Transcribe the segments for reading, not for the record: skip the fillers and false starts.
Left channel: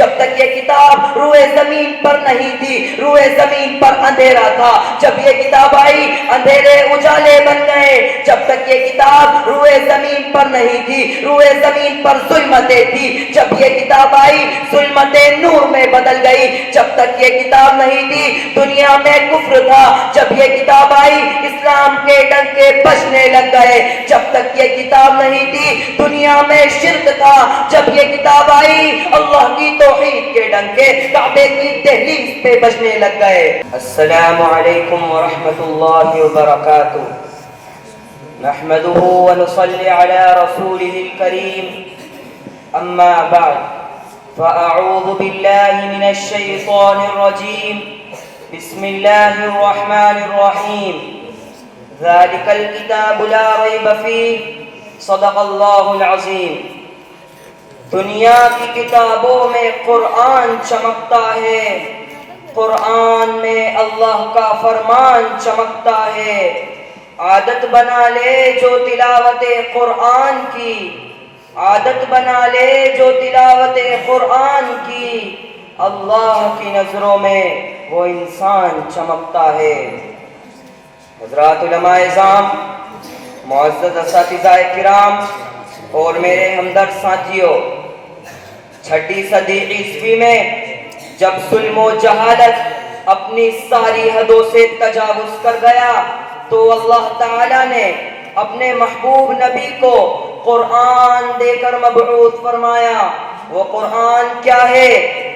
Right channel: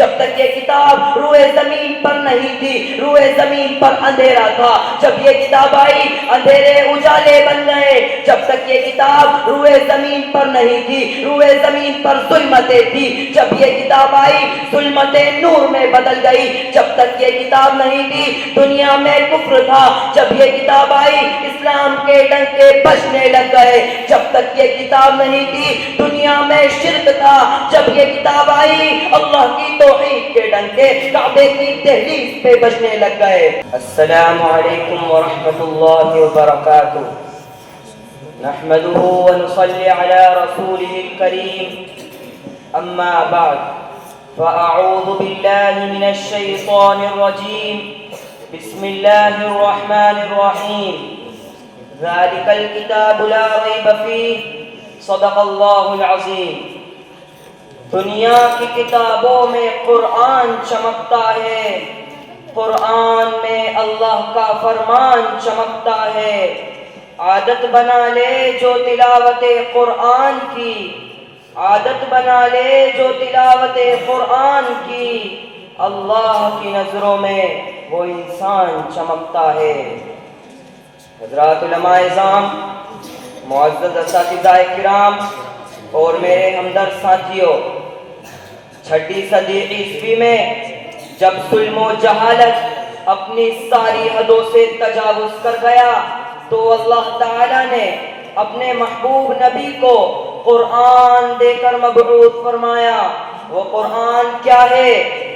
جب تک یہ کتاب روئے زمین پر نہیں تھی، روئے زمین پر اندھیرا تھا، جب یہ کتاب آئی اندھیرے اجالے بن گئے، جب تک یہ کتاب روئے زمین پر نہیں تھی، روئے زمین پر ظلمتیں تھی، جب یہ کتاب آئی ظلمتیں نور میں بدل گئی، جب تک یہ کتاب نہیں تھی دنیا میں کفر تھا، جب یہ کتاب آئی اسلام کے ڈنکے بجنے لگ گئے، جب تک یہ کتاب نہیں تھی دنیا میں شرک تھا، جب یہ کتاب آئی اللہ کی توحید کے ڈنکے کعبے کی دہلیز پہ بجنے لگ گئے۔ السلام علیکم ورحمۃ اللہ وبرکاتہ، نحمده ونصلي على رسوله الكريم، اما بعد فاعوذ باللہ من الشیطان الرجیم، بسم اللہ الرحمن الرحیم، ذلك الكتاب لا ریب فیہ، صدق اللہ العظیم۔ دنیا کی کتابوں میں قرآن چمکتا ہے، قرآن میں اللہ کا فرمان چمکتا ہے، عادت بنا لے جو تلاوت قرآن کی، عادت بنا لے جو تلاوت قرآن کی، اللہ کی نظروں میں وہ انسان چمکتا ہے۔ حضرات علماء اعظام، معزز اساتذہ کرام اور میرے ہمدرد ساتھیوں، 6 صدی عیسوی میں جب ظلم و جہالت اپنی ساری حدوں سے تجاوز کر گیا تو اللہ تعالیٰ نے اپنے محبوب نبی کو قرآن دے کر مبعوث فرمایا۔ وہ قرآن کیا ہے؟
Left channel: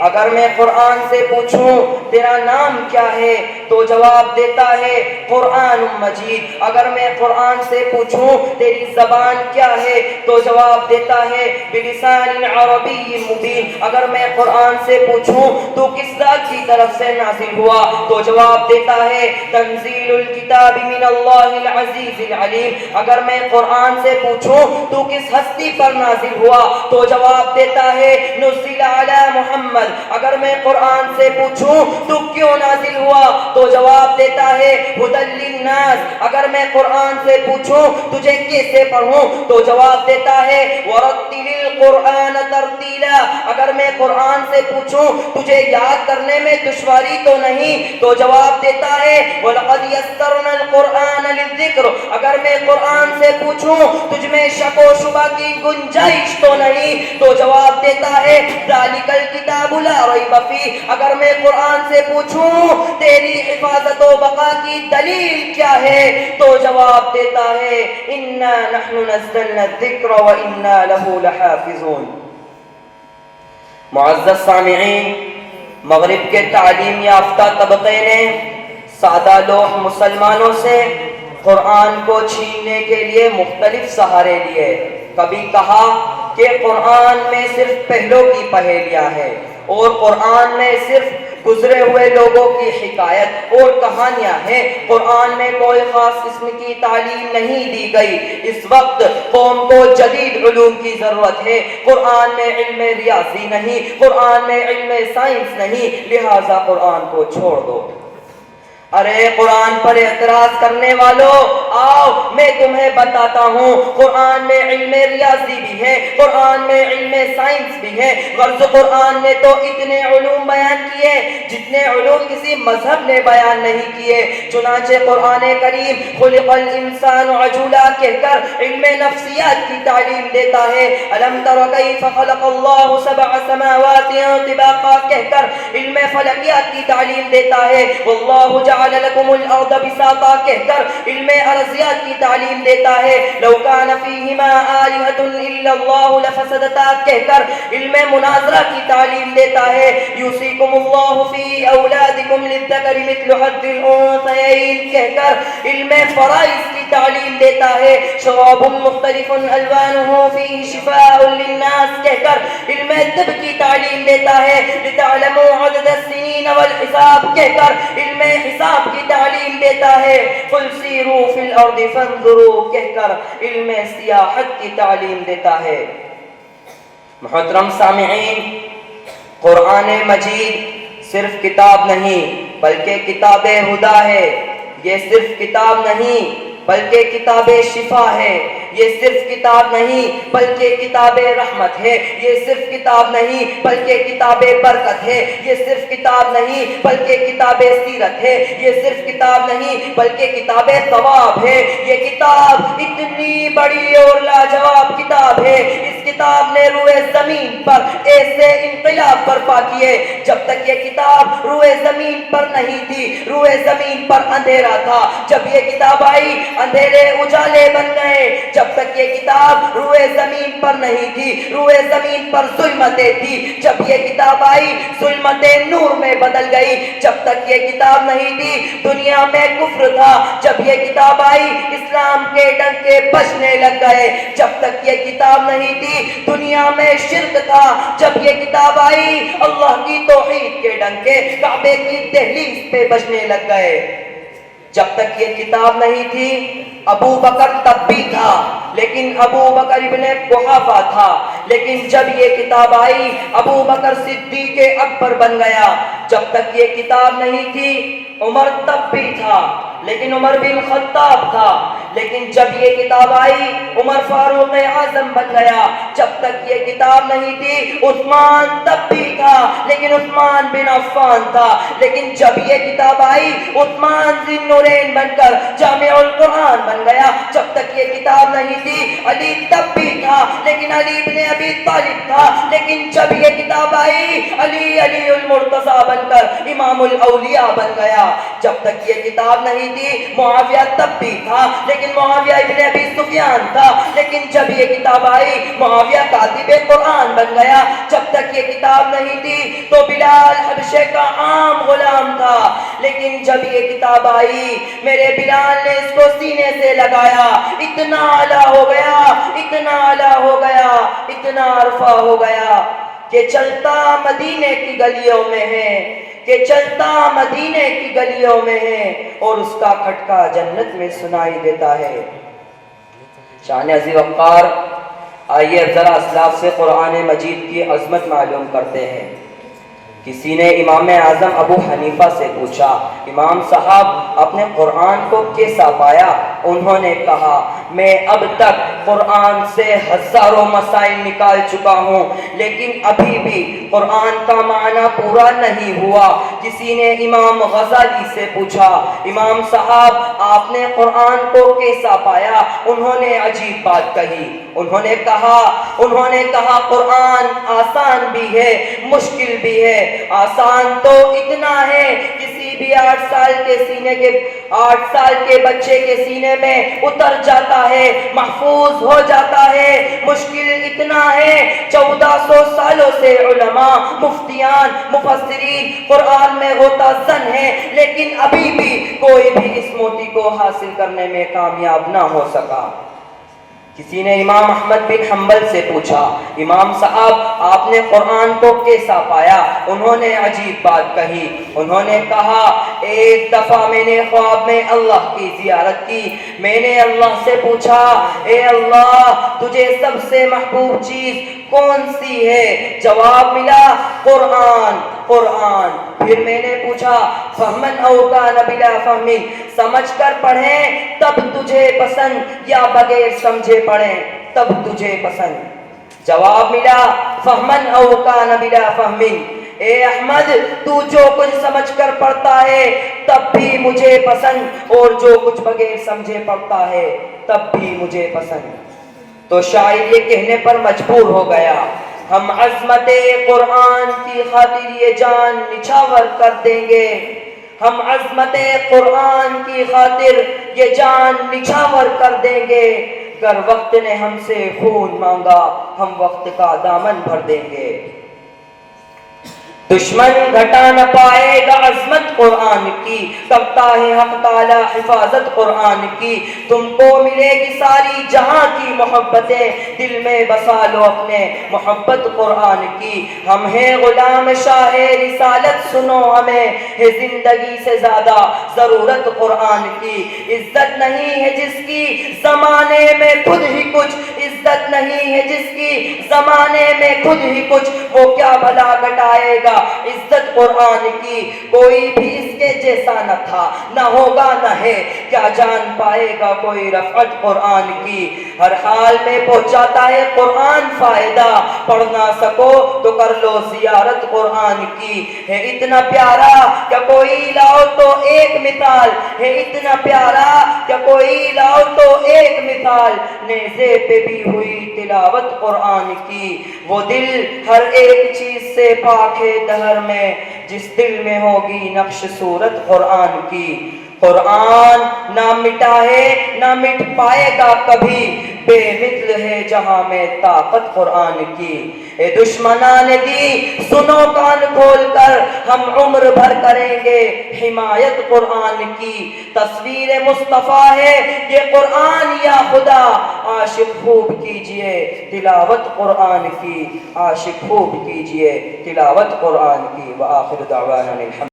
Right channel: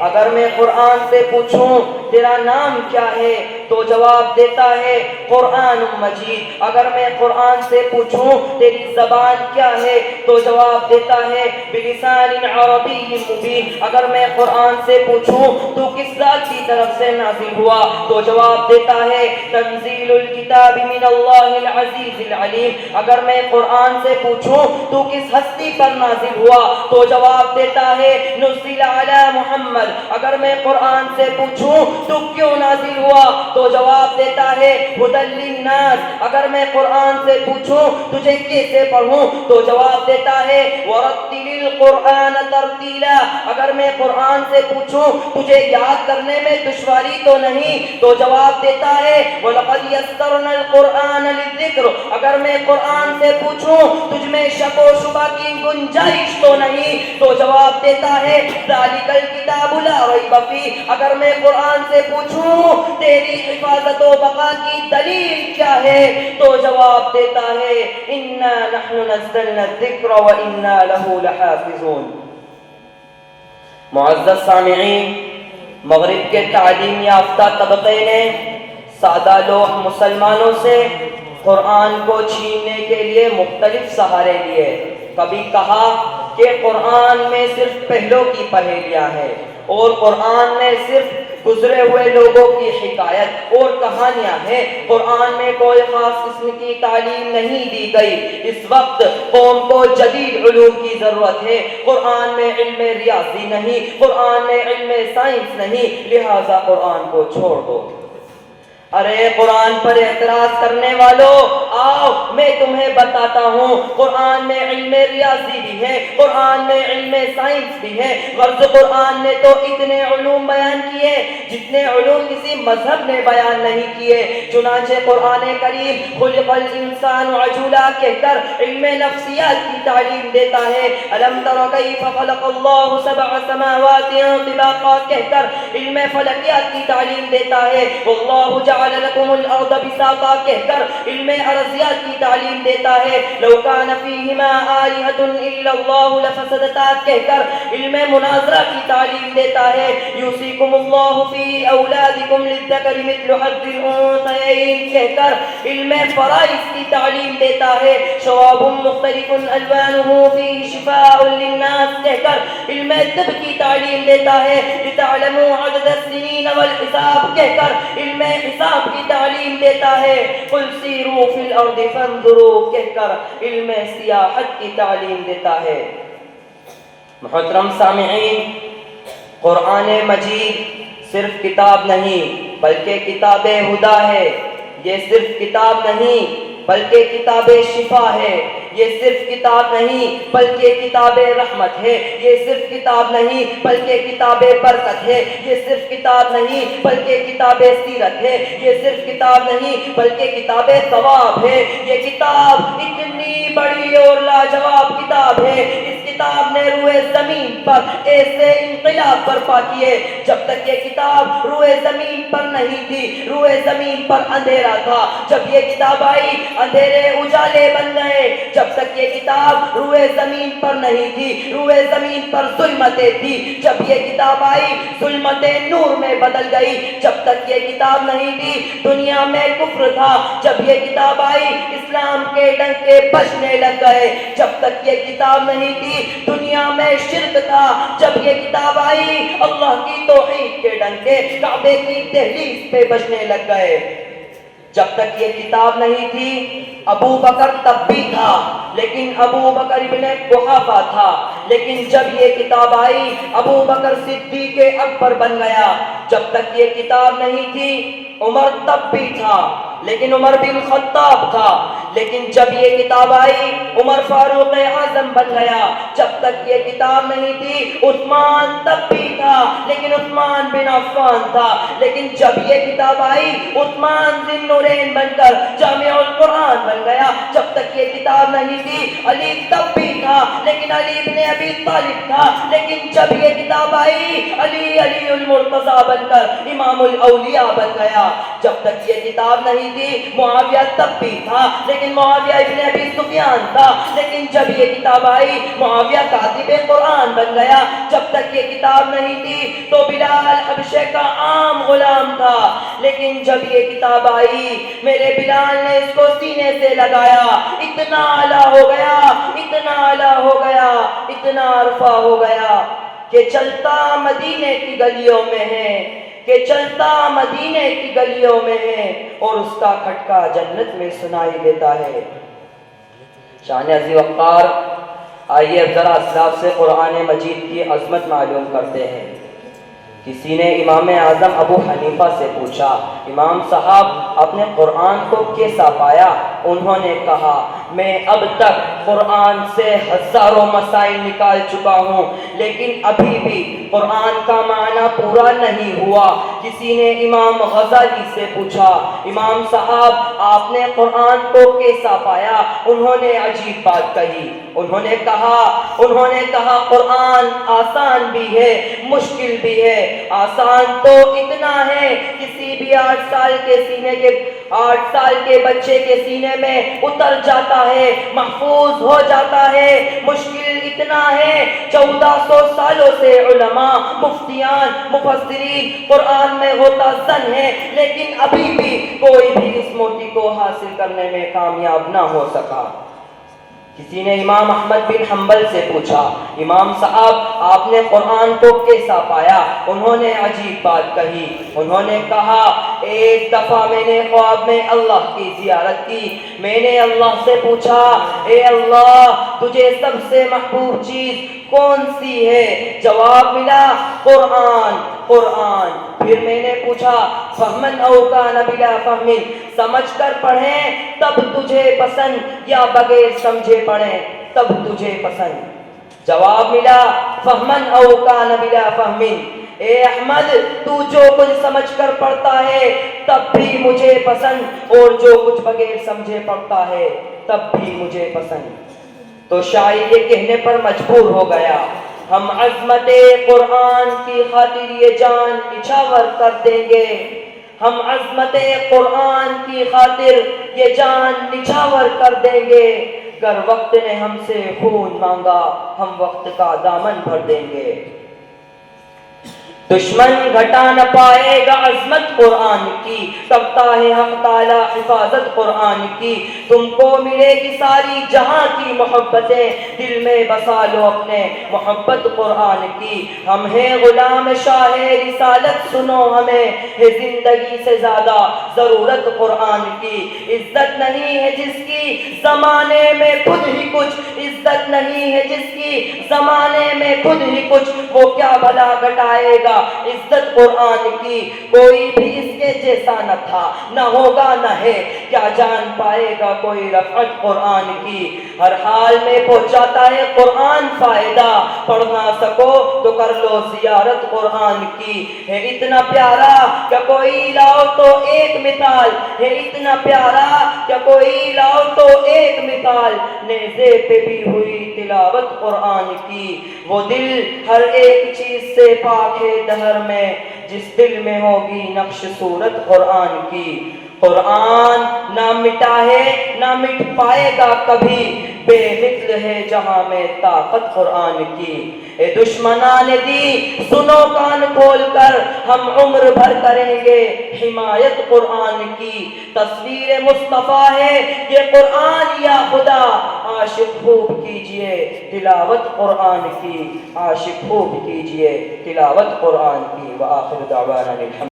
اگر میں قرآن سے پوچھوں تیرا نام کیا ہے تو جواب دیتا ہے قرآن مجید۔ اگر میں قرآن سے پوچھوں تیری زبان کیا ہے تو جواب دیتا ہے بلسان عربی مبین۔ اگر میں قرآن سے پوچھوں تو کس ذات کی طرف سے نازل ہوا تو جواب دیتا ہے تنزیل الکتاب من اللہ العزیز العلیم۔ اگر میں قرآن سے پوچھوں تو کس ہستی پر نازل ہوا تو جواب دیتا ہے نزل علی محمد۔ اگر میں قرآن سے پوچھوں تو کیوں نازل ہوا تو جواب دیتا ہے ھدی للناس۔ اگر میں قرآن سے پوچھوں تجھے کیسے پڑھوں تو جواب دیتا ہے ورتل القرآن ترتیلا۔ اگر میں قرآن سے پوچھوں تجھے یاد کرنے میں دشواری تو نہیں تو جواب دیتا ہے وَلَقَدْ يَسَّرْنَا الْقُرْآنَ لِلذِّكْرِ۔ اگر میں قرآن سے پوچھوں تجھ میں شک و شبہ کی گنجائش تو نہیں تو جواب دیتا ہے ذَلِكَ الْكِتَابُ لَا رَيْبَ فِيهِ۔ اگر میں قرآن سے پوچھوں تیری حفاظت و بقا کی دلیل کیا ہے تو جواب دیتا ہے اِنَّا نَحْنُ نَزَّلْنَا الذِّكْرَ وَإِنَّا لَهُ لَحَافِظُونَ۔ معزز سامعین، مغرب کے تعلیم یافتہ طبقے نے سادہ لوح مسلمانوں سے قرآن کو چھیننے کے لیے مختلف سہارے لیے۔ کبھی کہا کہ قرآن میں صرف پہلوں کی پہیلیاں ہیں اور قرآن میں صرف گزرے ہوئے لوگوں کی حکایت اور کہانیاں ہیں، قرآن میں کوئی خاص قسم کی تعلیم نہیں دی گئی۔ اس وقت قوم کو جدید علوم کی ضرورت ہے، قرآن میں علم ریاضی نہیں، قرآن میں علم سائنس نہیں، لہٰذا قرآن کو چھوڑ دو۔ ارے قرآن پر اعتراض کرنے والوں، آؤ میں تمہیں بتاتا ہوں قرآن میں علم ریاضی بھی ہے، قرآن میں علم سائنس بھی ہے۔ غرض قرآن نے تو اتنے علوم بیان کیے جتنے علوم کسی مذہب نے بیان نہیں کیے۔ چنانچہ قرآن کریم خلق الانسان عجولا کہہ کر علم نفسیات کی تعلیم دیتا ہے، الم تر کیف خلق اللہ سبع سماوات طباقا کہہ کر علم فلکیات کی تعلیم دیتا ہے، واللہ جعل لکم الارض بساطا کہہ کر علم ارضیات کی تعلیم دیتا ہے، لو کان فیہما آلہۃ الا اللہ لفسدتا کہہ کر علم مناظرہ کی تعلیم دیتا ہے، یوصیکم اللہ فی اولادکم للذکر مثل حظ الانثیین کہہ کر علم فرائض کی تعلیم دیتا ہے، شراب مختلف الوانہ فیہ شفاء للناس کہہ کر علم طب کی تعلیم دیتا ہے، لتعلموا عدد السنین والحساب کہہ کر علم حساب کی تعلیم دیتا ہے، قل سیروا فی الارض فانظروا کہہ کر علم سیاحت کی تعلیم دیتا ہے۔ محترم سامعین، قرآن مجید صرف کتاب نہیں بلکہ کتاب ہدا ہے۔ یہ صرف کتاب نہیں بلکہ کتاب شفا ہے۔ یہ صرف کتاب نہیں بلکہ کتاب رحمت ہے، یہ صرف کتاب نہیں بلکہ کتاب برکت ہے، یہ صرف کتاب نہیں بلکہ کتاب سیرت ہے، یہ صرف کتاب نہیں بلکہ کتاب ثواب ہے۔ یہ کتاب اتنی بڑی اور لاجواب کتاب ہے، اس کتاب نے روئے زمین پر ایسے انقلاب برپا کیے۔ جب تک یہ کتاب روئے زمین پر نہیں تھی، روئے زمین پر اندھیرا تھا، جب یہ کتاب آئی اندھیرے اجالے بن گئے۔ جب تک یہ کتاب روئے زمین پر نہیں تھی، روئے زمین پر ظلمتیں تھی، جب یہ کتاب آئی ظلمتیں نور میں بدل گئی۔ جب تک یہ کتاب نہیں تھی دنیا میں کفر تھا، جب یہ کتاب آئی اسلام کے ڈنکے بجنے لگ گئے۔ جب تک یہ کتاب نہیں تھی دنیا میں شرک تھا، جب یہ کتاب آئی اللہ کی توحید کے ڈنکے کعبے کی دہلیز پہ بجنے لگ گئے۔ جب تک یہ کتاب نہیں تھی ابو بکر تب بھی تھا، لیکن ابو بکر ابن قحافہ تھا، لیکن جب یہ کتاب آئی ابو بکر صدیق اکبر بن گیا۔ جب تک یہ کتاب نہیں تھی عمر تب بھی تھا، لیکن عمر بن خطاب تھا، لیکن جب یہ کتاب آئی عمر فاروق اعظم بن گیا۔ جب تک یہ کتاب نہیں تھی عثمان تب بھی تھا، لیکن عثمان بن عفان تھا، لیکن جب یہ کتاب آئی عثمان ذی النورین بن کر جامع القرآن بن گیا۔ جب تک یہ کتاب نہیں تھی علی تب بھی تھا، لیکن علی ابن ابی طالب تھا، لیکن جب یہ کتاب آئی علی علی المرتضی بن کر امام الاولیاء بن گیا۔ جب تک یہ کتاب نہیں تھی معاویہ تب بھی تھا، لیکن معاویہ ابن ابی سفیان تھا، لیکن جب یہ کتاب آئی معاویہ کاتب قرآن بن گیا۔ جب تک یہ کتاب نہیں تھی تو بلال حبشے کا عام غلام تھا، لیکن جب یہ کتاب آئی میرے بلال نے اس کو سینے سے لگایا، اتنا اعلیٰ ہو گیا، اتنا اعلیٰ ہو گیا، اتنا عرفہ ہو گیا کہ چلتا مدینے کی گلیوں میں ہے، کہ چلتا مدینے کی گلیوں میں ہے اور اس کا کھٹکا جنت میں سنائی دیتا ہے۔ شان عزیز وقار، آئیے اب ذرا اسلاف سے قرآن مجید کی عظمت معلوم کرتے ہیں۔ کسی نے امام اعظم ابو حنیفہ سے پوچھا امام صاحب اپنے قرآن کو کیسا پایا؟ انہوں نے کہا میں اب تک قرآن سے ہزاروں مسائل نکال چکا ہوں، لیکن ابھی بھی قرآن کا معنی پورا نہیں ہوا۔ کسی نے امام غزالی سے پوچھا امام صاحب آپ نے قرآن کو کیسا پایا؟ انہوں نے عجیب بات کہی، انہوں نے کہا قرآن آسان بھی ہے مشکل بھی ہے۔ آسان تو اتنا ہے کسی بھی 8 سال کے بچے کے سینے میں اتر جاتا ہے، محفوظ ہو جاتا ہے۔ مشکل اتنا ہے 1400 سالوں سے علماء، مفتیان، مفسرین قرآن میں ہوتا زن ہے، لیکن ابھی بھی کوئی بھی اس موتی کو حاصل کرنے میں کامیاب نہ ہو سکا۔ کسی نے امام احمد بن حنبل سے پوچھا امام صاحب آپ نے قرآن کو کیسا پایا؟ انہوں نے عجیب بات کہی، انہوں نے کہا ایک دفعہ میں نے خواب میں اللہ کی زیارت کی، میں نے اللہ سے پوچھا اے اللہ تجھے سب سے محبوب چیز کون سی ہے؟ جواب ملا قرآن۔ پھر میں نے پوچھا فہمن او کان بلا فہمن، سمجھ کر پڑھیں تب تجھے پسند یا بغیر سمجھے پڑھیں تب تجھے پسند؟ جواب ملا فہمن او کان بلا فہمن، اے احمد تو جو کچھ سمجھ کر پڑھتا ہے تب بھی مجھے پسند، اور جو کچھ بغیر سمجھے پڑھتا ہے تب بھی مجھے پسند۔ تو شاعر یہ کہنے پر مجبور ہو گیا ہم عظمت قرآن کی خاطر یہ جان نچھاور کر دیں گے، ہم عظمت قرآن کی خاطر یہ جان نچھاور کر دیں گے، گر وقت نے ہم سے خون مانگا ہم وقت کا دامن بھر دیں گے۔ دشمن گھٹا نہ پائے گا عظمت قرآن کی، کرتا ہے حق تعالی حفاظت قرآن کی۔ تم کو ملے گی ساری جہاں کی محبتیں، دل میں بسا لو اپنے محبت قرآن کی۔ ہم ہیں غلام شاہ رسالت سنو ہمیں، ہے زندگی سے زیادہ ضرورت قرآن کی۔ عزت نہیں ہے جس کی زمانے میں خود ہی کچھ، عزت نہیں ہے جس کی زمانے میں خود ہی کچھ، وہ کیا بھلا گھٹائے گا عزت قرآن کی، کوئی بھی اس کے جیسا نہ تھا، نہ ہوگا نہ ہے، کیا جان پائے گا کوئی رفعت قرآن کی۔ ہر حال میں پہنچاتا ہے قرآن فائدہ، پڑھ نہ سکو تو کر لو زیارت قرآن کی۔ ہے اتنا پیارا کہ کوئی لاؤ تو ایک مثال، ہے اتنا پیارا کہ کوئی لاؤ تو ایک مثال، نیزے پہ بھی ہوئی تلاوت قرآن کی۔ وہ دل ہر ایک چیز سے پاک ہے دہر میں، جس دل میں ہوگی نقش صورت قرآن کی۔ قرآن نہ مٹا ہے نہ مٹ پائے گا کبھی، بے مثل ہے جہاں میں طاقت قرآن کی۔ اے دشمنان دی سنو کان کھول کر، ہم عمر بھر کریں گے حمایت قرآن کی۔ تصویر مصطفیٰ ہے یہ قرآن یا خدا، عاشق خوب کیجئے تلاوت قرآن کی، عاشق خوب کیجئے تلاوت قرآن کی۔ وآخر دعوانا الحمد